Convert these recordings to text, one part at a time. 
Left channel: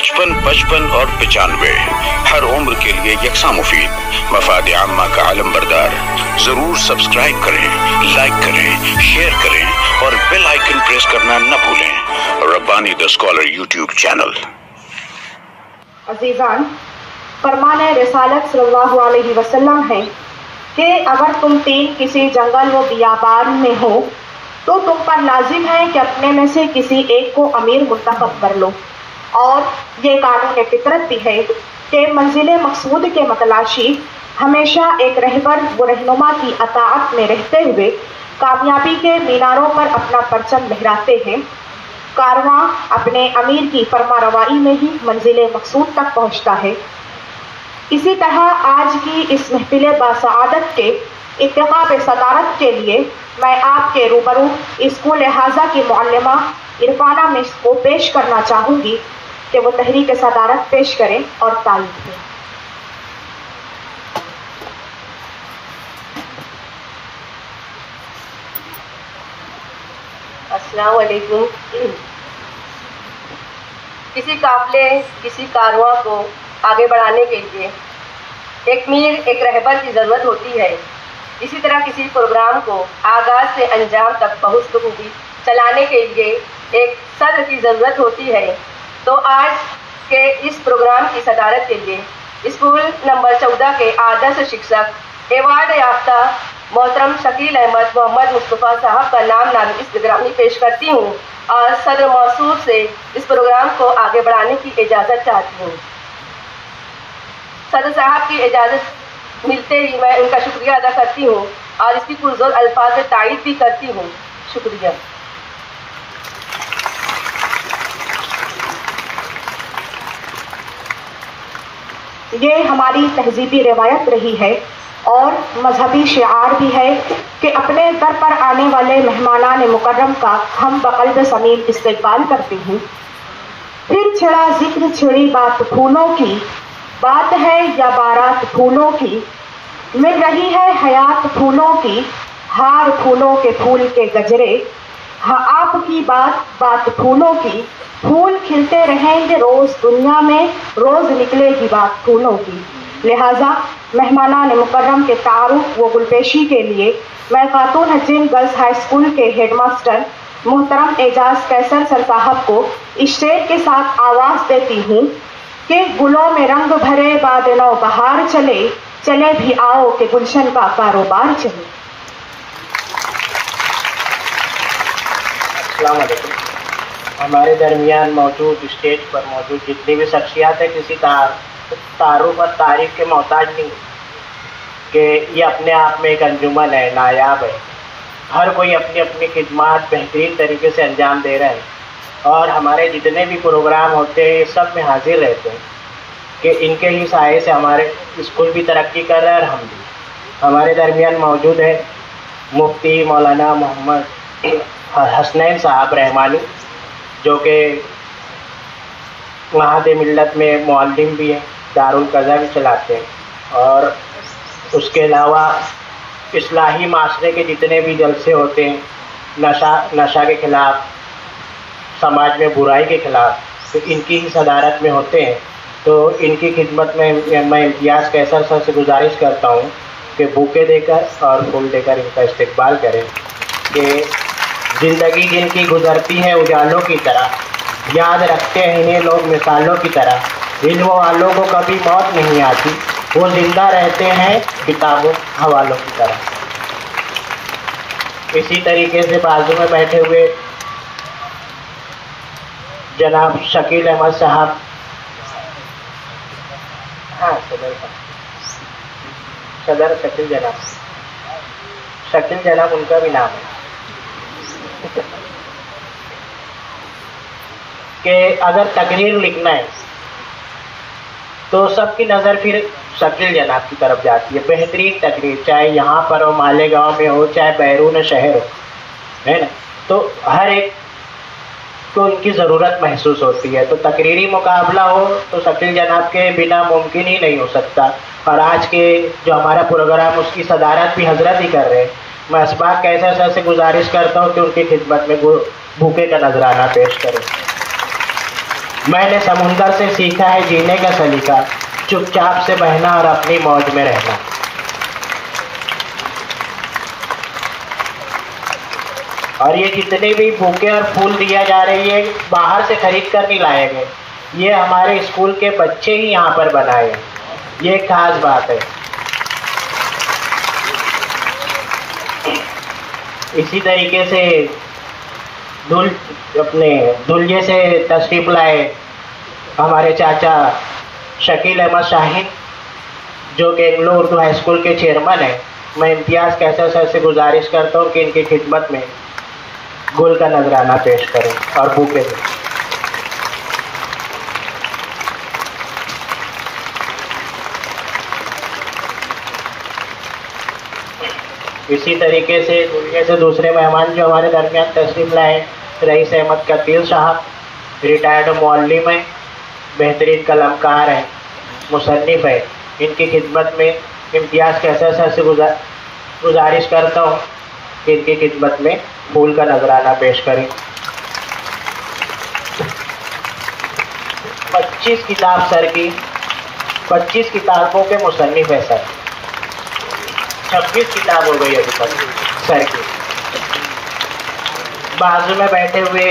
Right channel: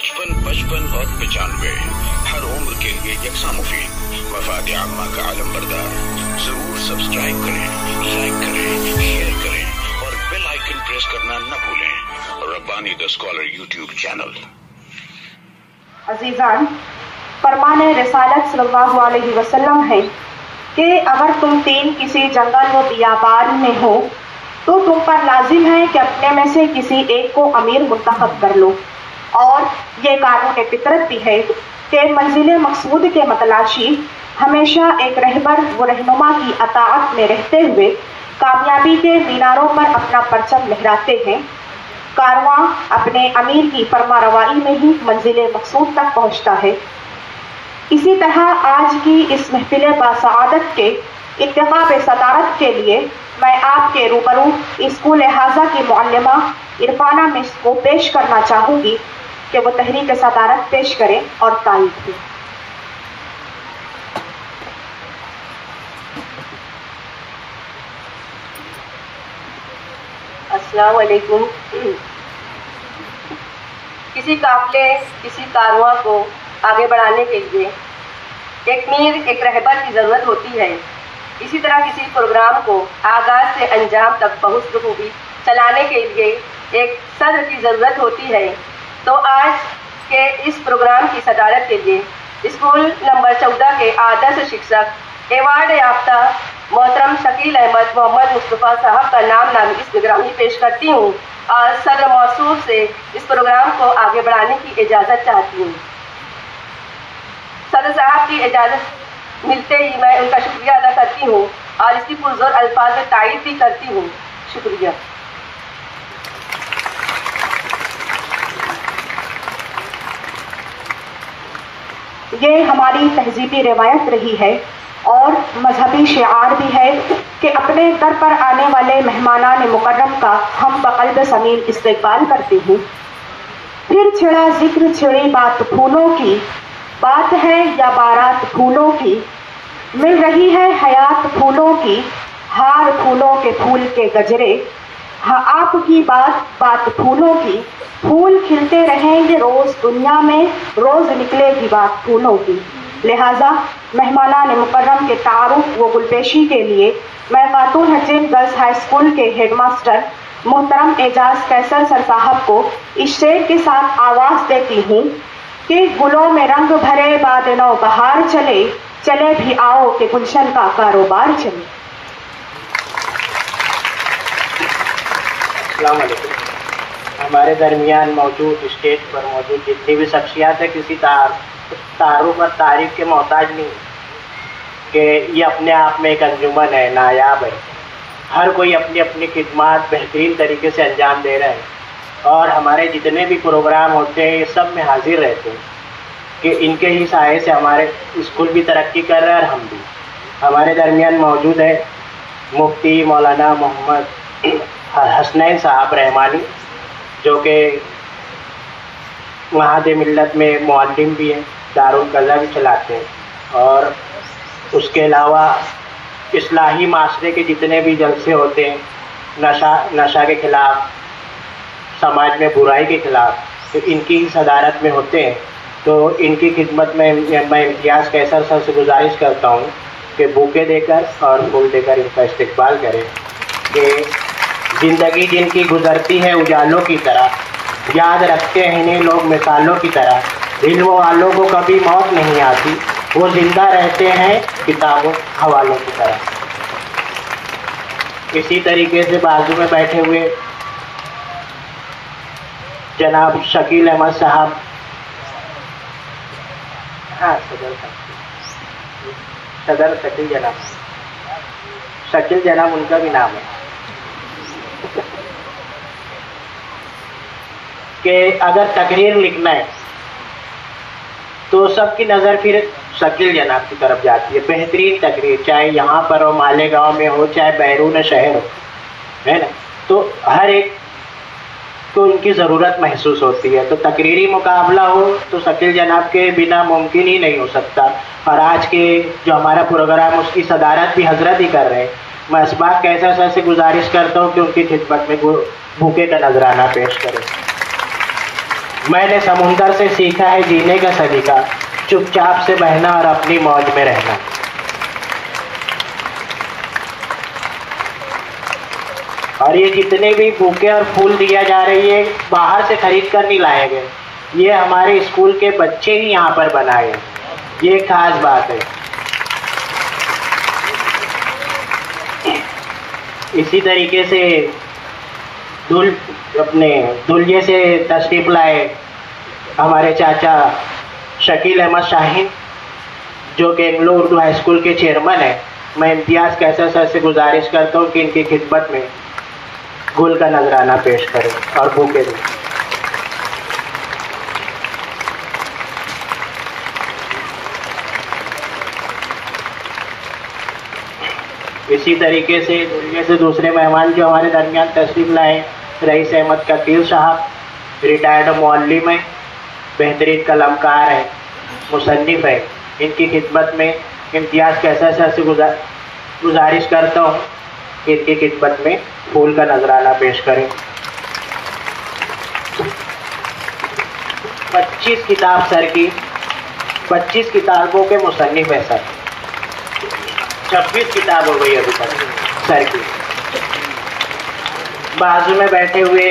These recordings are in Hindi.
55, 55 और 95 हर उम्र के लिए यकसा मुफीद, मफाद आम्मा का आलम बरदार। जरूर सब्सक्राइब करें, लाइक करें, शेयर करें और बेल आइकन प्रेस करना न भूलें। Rabbani the scholar YouTube channel. अजीजान, फरमाने रिसालत सल्लल्लाहु अलैहि वसल्लम है कि अगर तुम तीन किसी जंगल व बियाबान में हो तो तुम पर लाजिम है कि अपने में से किसी एक को अमीर मुंतखब कर लो। और ये कानून फितरत भी है कि मंजिल मकसूद के मतलाशी हमेशा एक रहबर व रहनुमा की अताअत में रहते हुए कामयाबी के मीनारों पर अपना परचम लहराते हैं। कारवां अपने अमीर की फरमारवाई में ही मंजिल मकसूद तक पहुंचता है। इसी तरह आज की इस महफिल बासआदत के इंतखाब सदारत के लिए मैं आपके रूबरू स्कूल हाजा की मुअल्लिमा इरफाना मिस को पेश करना चाहूँगी कि वो तहरीक सदारत पेश करें और तारीफ दें। अस्सलाम वालेकुम। किसी काफिले, किसी कारवां को आगे बढ़ाने के लिए एक मीर, एक रहबर की ज़रूरत होती है। इसी तरह किसी प्रोग्राम को आगाज से अंजाम तक बखूबी चलाने के लिए एक सदर की ज़रूरत होती है। तो आज के इस प्रोग्राम की सदारत के लिए स्कूल नंबर 14 के आदर्श शिक्षक एवार्ड याफ्ता मोहतरम शकील अहमद मोहम्मद मुस्तफ़ा साहब का नाम नामिज़ निगरानी पेश करती हूँ और सदर मौसूर से इस प्रोग्राम को आगे बढ़ाने की इजाज़त चाहती हूँ। सदर साहब की इजाज़त मिलते ही मैं उनका शुक्रिया अदा करती हूँ और इसकी पुरजोर अल्फाज में तारीफ भी करती हूँ। शुक्रिया। ये हमारी तहजीबी रिवायत रही है और मजहबी शिआर भी है कि अपने दर पर आने वाले मेहमानान मुकर्रम का हम बक़ल्ब समीम इस्तक़बाल करते हैं। फिर छिड़ा जिक्र, छिड़ी बात फूलों की, बात है या बारात फूलों की, मिल रही है हयात फूलों की, हार फूलों के फूल के गजरे। हाँ, आपकी बात बात फूलों की, फूल खिलते रहेंगे रोज दुनिया में, रोज निकलेगी बात फूलों की। लिहाजा मेहमानान मुकर्रम के तारुफ व गुलपेशी के लिए मैं खातून हसीन गर्ल्स हाई स्कूल के हेडमास्टर मोहतरम एजाज कैसर सर साहब को स्टेज के साथ आवाज़ देती हूँ कि गुलों में रंग भरे बाद नौ बहार चले, चले भी आओ कि गुलशन का कारोबार चले। अस्सलाम वालेकुम। हमारे दरमियान मौजूद, स्टेज पर मौजूद जितनी भी शख्सियात है किसी तारुफ और तारीफ के मोहताज नहीं कि ये अपने आप में एक अंजुमन है, नायाब है। हर कोई अपनी अपनी खिदमत बेहतरीन तरीके से अंजाम दे रहा है और हमारे जितने भी प्रोग्राम होते हैं ये सब में हाजिर रहते हैं कि इनके ही साये से हमारे स्कूल भी तरक्की कर रहा है और हम भी। हमारे दरमियान मौजूद है मुफ्ती मौलाना मोहम्मद हसनैन साहब रहमानी, जो कि वहादे मिल्लत में मुअल्लिम भी है, दारुल कज़ा भी चलाते हैं और उसके अलावा इस्लाही माशरे के जितने भी जलसे होते हैं, नशा के ख़िलाफ़, समाज में बुराई के ख़िलाफ़, तो इनकी ही सदारत में होते हैं। तो इनकी खिदमत में मैं इम्तियाज़ कैसर सर से गुजारिश करता हूँ कि बुके देकर और फूल देकर इनका इस्तकबाल करें कि ज़िंदगी जिनकी गुजरती है उजालों की तरह, याद रखते हैं इन्हें लोग मिसालों की तरह। इल्म वालों को कभी मौत नहीं आती, वो जिंदा रहते हैं किताबों हवालों की तरह। इसी तरीके से बाजू में बैठे हुए जनाब शकील अहमद साहब, हाँ सदर शकील जनाब उनका भी नाम है कि अगर तकरीर लिखना है तो सबकी नज़र फिर शकील जनाब की तरफ जाती है। बेहतरीन तकरीर, चाहे यहाँ पर हो, मालेगांव में हो, चाहे बैरून शहर हो, है ना, तो हर एक को इनकी ज़रूरत महसूस होती है। तो तकरीरी मुकाबला हो तो शकील जनाब के बिना मुमकिन ही नहीं हो सकता। और आज के जो हमारा प्रोग्राम उसकी सदारत भी हजरत ही कर रहे हैं। मैं इसबाक कैसर सर से गुजारिश करता हूँ कि उनकी खिदमत में बुके का नजराना पेश करें। मैंने समुंदर से सीखा है जीने का सलीका, चुपचाप से बहना और अपनी मौज में रहना। और ये जितने भी बुके और फूल दिया जा रही है बाहर से खरीद कर नहीं लाए गए, ये हमारे स्कूल के बच्चे ही यहाँ पर बनाए हैं। ये खास बात है। इसी तरीके से अपने दुल्हे से तशरीफ लाए हमारे चाचा शकील अहमद शाहीन, जो कि एंग्लो उर्दू हाई स्कूल के चेयरमैन है। मैं इम्तियाज़ कैसर सर से गुजारिश करता हूँ कि इनकी खिदमत में गुल का नजराना पेश करें और बुके दें। इसी तरीके से दुनिया से दूसरे मेहमान जो हमारे दरमियान तशरीफ लाए, रईस अहमद कतील साहब, रिटायर्ड मुअल्लिम है, बेहतरीन कलामकार है, मुसन्निफ है। इनकी खिदमत में इम्तियाज़ कैसर सर से गुजारिश करता हूँ कि इनकी खिदमत में फूल का नजराना पेश करें। 25 किताब सर की, 25 किताबों के मुसन्निफ है सर। 26 किताब हो गई अभी तक सर की। बाजू में बैठे हुए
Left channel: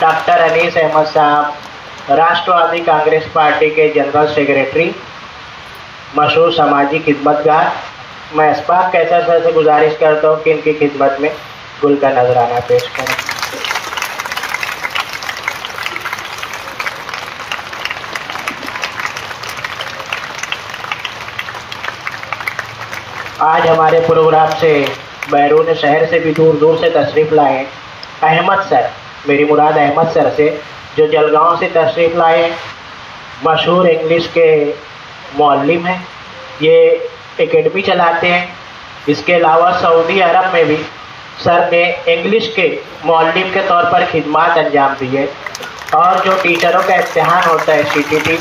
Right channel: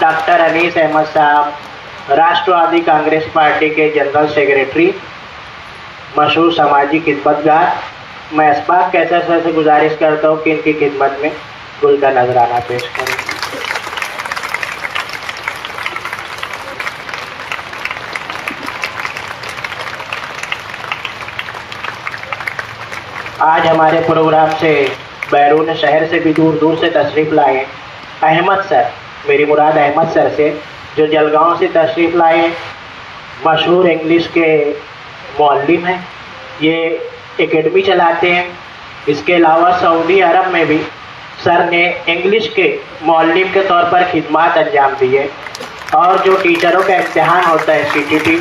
डॉक्टर अनीस अहमद साहब, राष्ट्रवादी कांग्रेस पार्टी के जनरल सेक्रेटरी, मशहूर समाजी खिदमतगार। मैं असबाक कैसर सर से गुजारिश करता हूँ कि इनकी खिदमत में गुल का नजराना पेश करें। आज हमारे प्रोग्राम से बैरून शहर से भी दूर दूर से तशरीफ लाए अहमद सर, मेरी मुराद अहमद सर से, जो जलगांव से तशरीफ लाए, मशहूर इंग्लिश के मुअल्लिम हैं। ये एकेडमी चलाते हैं। इसके अलावा सऊदी अरब में भी सर ने इंग्लिश के मुअल्लिम के तौर पर खिदमत अंजाम दी है। और जो टीचरों का इम्तिहान होता है CTT,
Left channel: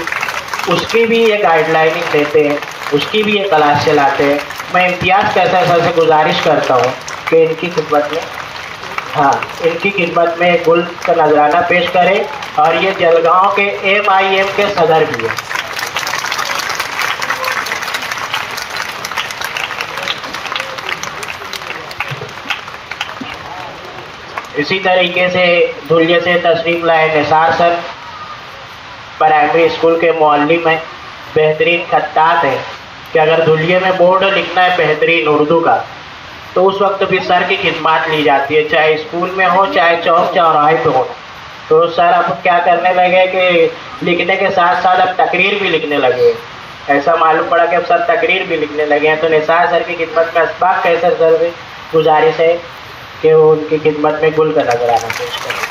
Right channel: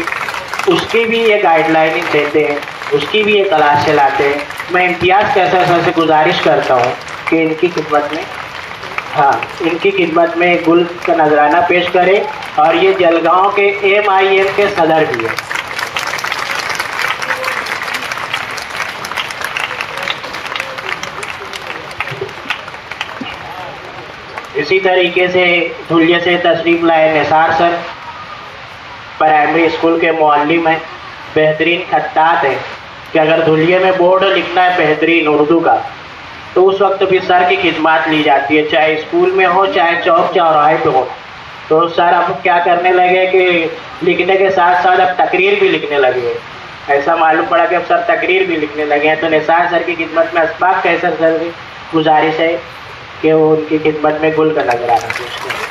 उसकी भी ये गाइडलाइनिंग देते हैं, उसकी भी ये क्लास चलाते हैं। मैं इम्तियाज़ कैसर सर से गुजारिश करता हूँ कि इनकी खिदमत में इनकी खिदमत में गुल का नजराना पेश करें। और ये जलगांव के MIM के सदर भी है। इसी तरीके से धुलिया से तशरीफ लाए निसार सर, प्राइमरी स्कूल के मुअल्लिम हैं, बेहतरीन खत्तात हैं कि अगर धुलिया में बोर्ड लिखना है बेहतरीन उर्दू का, तो उस वक्त भी सर की खिदमत ली जाती है, चाहे स्कूल में हो चाहे चौक चौराहे पे हो। तो सर अब क्या करने लगे कि लिखने के साथ साथ अब तकरीर भी लिखने लगे। ऐसा मालूम पड़ा कि अब सर तकरीर भी लिखने लगे हैं। तो निसार सर की खिदमत में असबाक कैसर सर की गुजारिश है कि वो उनकी खिदमत में गुल का नजराना पेश करें।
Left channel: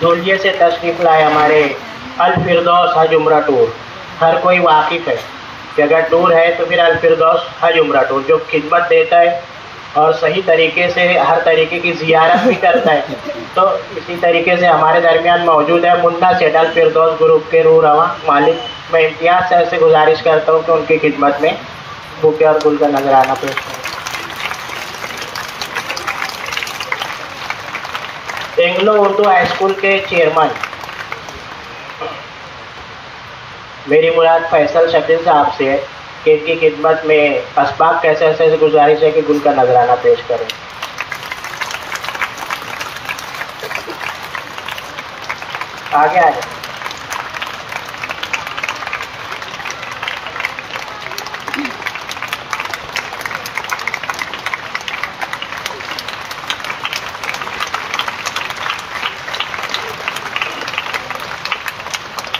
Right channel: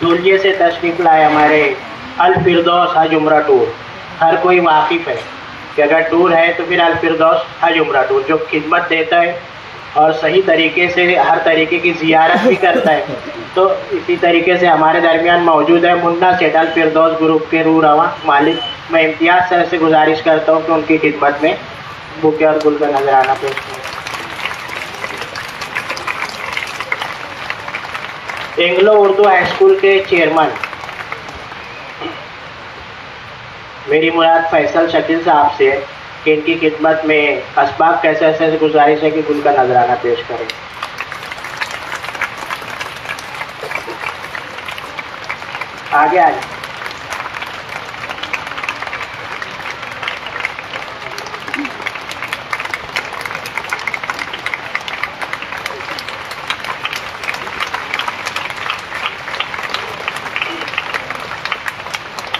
धुलिया से तशरीफ लाए हमारे अल फिरदौस हज उम्रा टूर। हर कोई वाकिफ है कि अगर टूर है तो फिर अल फिरदौस हज उम्रा टूर, जो खिदमत देता है और सही तरीके से हर तरीके की जियारत भी करता है। तो इसी तरीके से हमारे दरमियान मौजूद है मुन्ना सेठ अल फिरदौस ग्रुप के रूह रवा मालिक। मैं इम्तियाज़ सर से गुजारिश करता हूँ कि उनकी खिदमत में बुके और गुल का नजराना पेश करें। एंग्लो उर्दू हाई स्कूल के चेयरमैन, मेरी मुराद फैसल शकील साहब से है कि इनकी खिदमत में असबाक कैसर से गुजारिश है कि गुल का नजराना पेश करें। आगे आ जाए।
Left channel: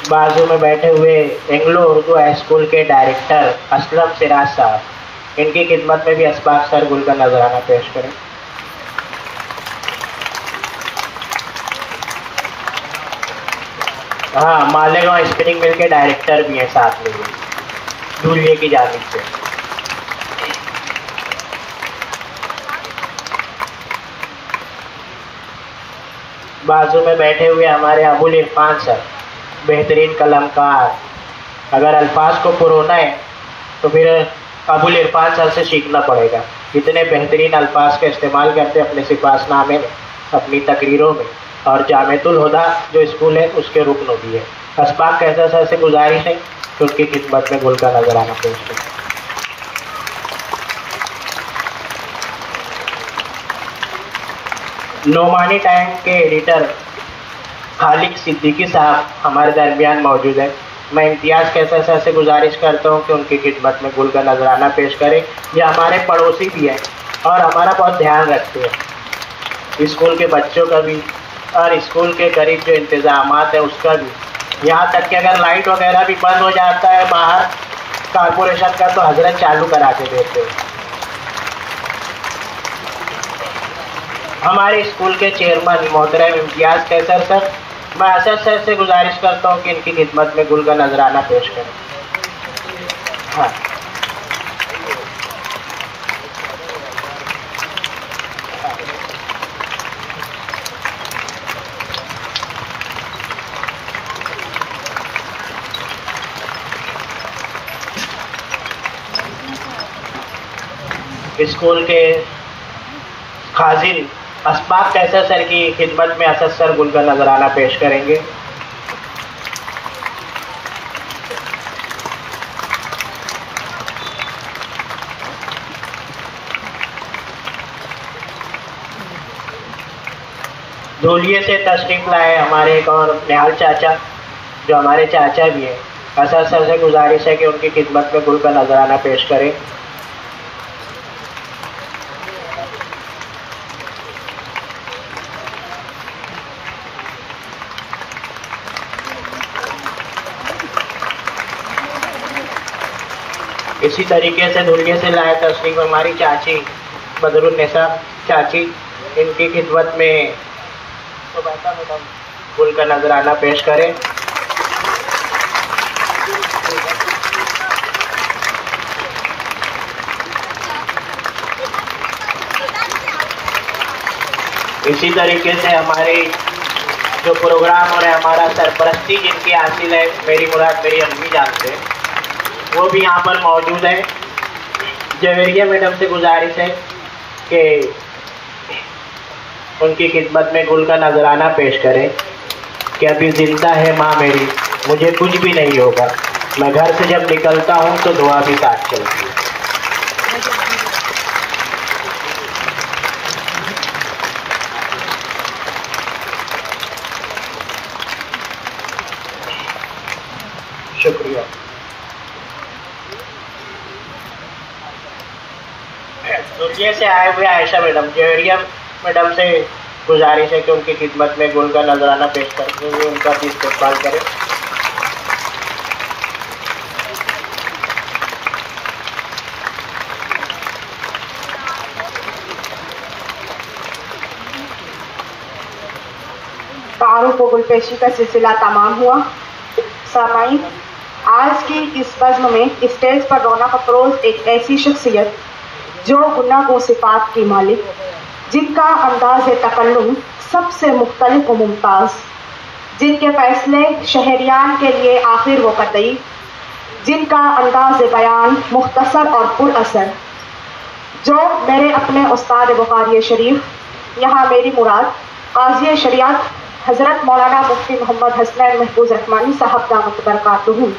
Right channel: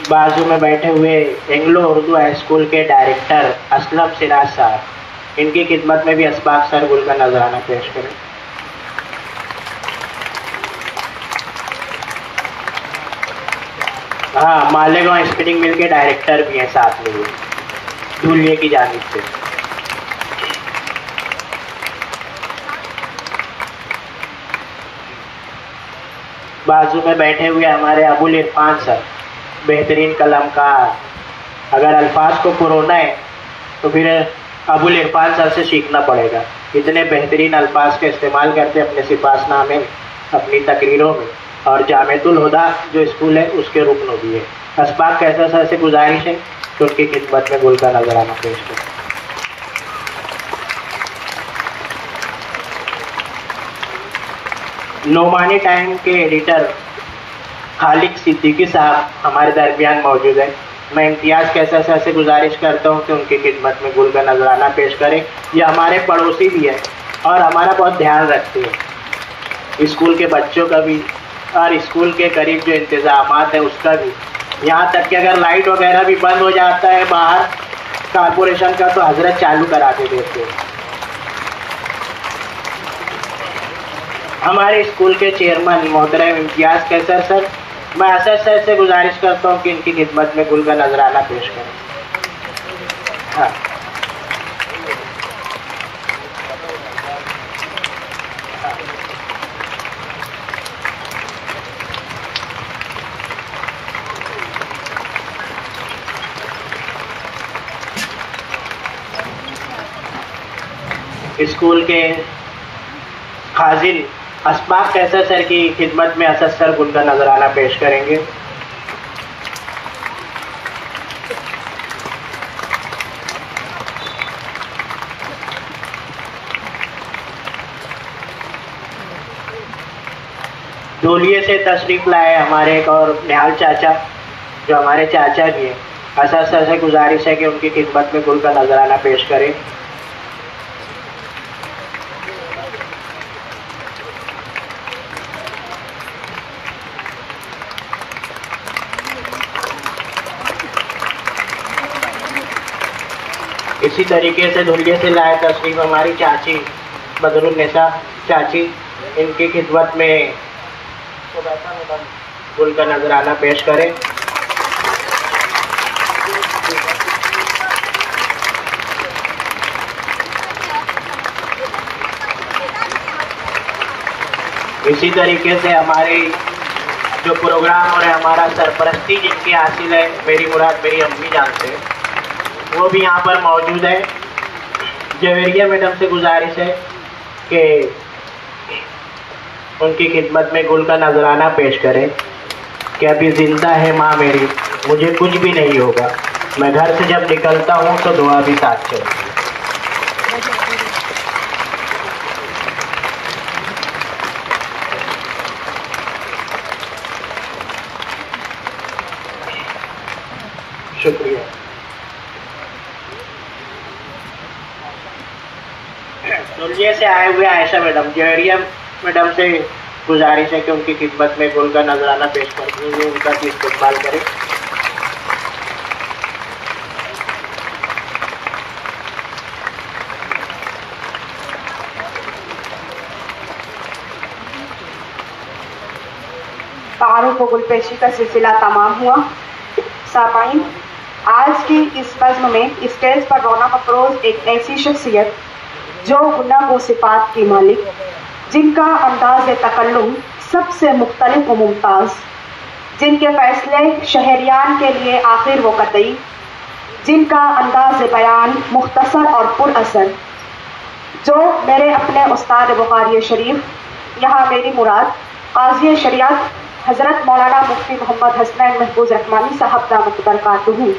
बाजू में बैठे हुए एंग्लो उर्दू हाई स्कूल के डायरेक्टर असलम सिराज साहब, इनकी खिदमत में भी असबाक सर गुल का नजराना पेश करें। हाँ, मालेगांव स्पिनिंग मिल के डायरेक्टर भी हैं साथ में ये धुलिया की जानिब से। बाजू में बैठे हुए हमारे अबुल इरफान सर, बेहतरीन कलामकार। अगर अल्फाज को पुरोना है तो फिर अबुल इरफान सर से सीखना पड़ेगा। इतने बेहतरीन अल्फाज का इस्तेमाल करते अपने सिफासनामे में, अपनी तकरीरों में, और जामिअतुल हुदा जो स्कूल है उसके रुकन भी है। अशफाक कैसर सर से गुजारिश है कि उसकी खिदमत में गुल का नजराना पेश करें। नोमानी टाइम के एडिटर खालिक सिद्दीकी साहब हमारे दरमियान मौजूद है। मैं इम्तियाज़ कैसर सर से गुजारिश करता हूँ कि उनकी खिदमत में गुल का नजराना पेश करें। ये हमारे पड़ोसी भी हैं और हमारा बहुत ध्यान रखते हैं, स्कूल के बच्चों का भी और स्कूल के करीब जो इंतज़ामात है उसका भी। यहाँ तक कि अगर लाइट वगैरह भी बंद हो जाता है बाहर कारपोरेशन का, तो हजरत चालू करा के देते हैं। हमारे स्कूल के चेयरमैन मोहतरम इम्तियाज़ कैसर सर, मैं असद सर से गुजारिश करता हूँ कि इनकी खिदमत में गुल का नजराना पेश करें। हाँ, स्कूल के खाजिन अशफाक कैसर सर की खिदमत में असद सर गुल का नजराना पेश करेंगे। धोलिये से तशरीफ लाए हमारे एक और निहाल चाचा जो हमारे चाचा भी हैं। असद सर से गुजारिश है कि उनकी खिदमत में गुल का नजराना पेश करें। इसी तरीके से धुलिये से लाए तशरीफ हमारी चाची बदरुन्निसा चाची, इनकी खिदमत में तो बैठा मैडम गुल का नजराना पेश करें। इसी तरीके से हमारे जो प्रोग्राम और हमारा सरपरस्ती जिनकी हासिल है मेरी मुराद मेरी अम्मी जानते हैं, वो भी यहाँ पर मौजूद है। जवेरिया मैडम से गुजारिश है कि उनकी खिदमत में गुल का नजराना पेश करें कि अभी जिंदा है माँ मेरी, मुझे कुछ भी नहीं होगा, मैं घर से जब निकलता हूँ तो दुआ भी साथ चलती है। शुक्रिया। दुनिया से आए हुए आयशा मैडम, जवेरिया मैडम से गुजारिश है कि उनकी खिदमत में गुल का नजराना पेश करते हुए उनका भी इस्तेमाल करें। तारों को गुलपेशी का सिलसिला तमाम हुआ। सामाईन, आज की इस नज़्म में स्टेज पर रौनक अफरोज एक ऐसी शख्सियत जो गुनाह व सिफात की मालिक, जिनका अंदाज तकल्लुम सबसे मुख्तलिफ व मुमताज़, जिनके फैसले शहरियान के लिए आखिर व कतई, जिनका अंदाज बयान मुख्तसर और पुर असर, जो मेरे अपने उस्ताद बुखारी शरीफ यहाँ मेरी मुराद काज़ी शरीयत हज़रत मौलाना मुफ्ती मोहम्मद हसनैन महफूज रहमानी साहब दावत बरकातहू,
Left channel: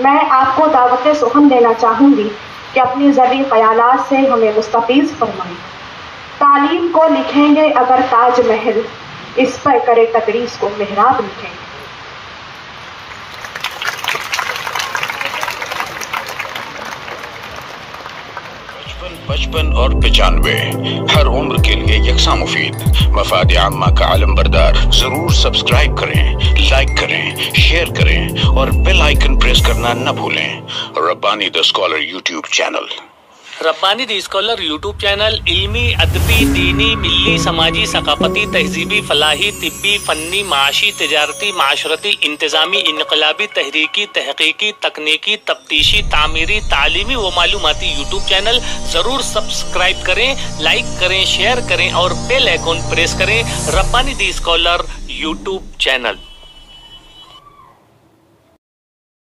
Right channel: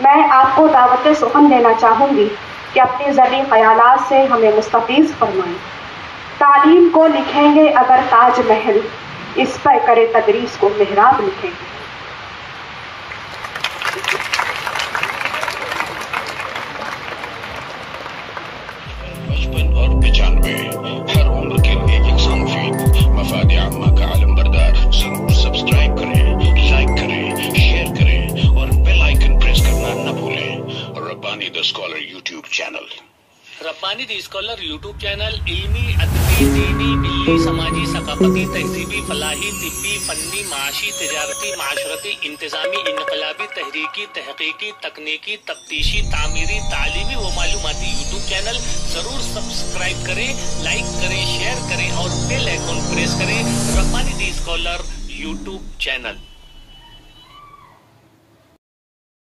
मैं आपको दावत सुखन देना चाहूँगी कि अपनी ज़री ख़यालात से हमें मुस्तफ़ीज़ फरमाएं। तालीम को लिखेंगे अगर ताज महल, इस पर करे तदरीस को मेहराब लिखेंगे। पचपन और 95 हर उम्र के लिए यकसा मुफीद। मफाद आम्मा का आलम बरदार। जरूर सब्सक्राइब करें, लाइक करें, शेयर करें और बेल आइकन प्रेस करना न भूलें। Rabbani the scholar YouTube channel. Rabbani the scholar YouTube channel इल्मी, अदबी, दीनी, मिल्ली, समाजी, सकाफती, तहजीबी, फलाही, तिब्बी, फन्नी, माशी, तिजारती, माशरती, इंतजामी, इनकलाबी, तहरीकी, तहकीकी, तकनीकी, तफ्तीशी, तामीरी, तालीमी व मालूमाती यूट्यूब चैनल। जरूर सब्सक्राइब करें, लाइक करें, शेयर करें और बेल आइकन प्रेस करें। Rabbani the scholar YouTube channel.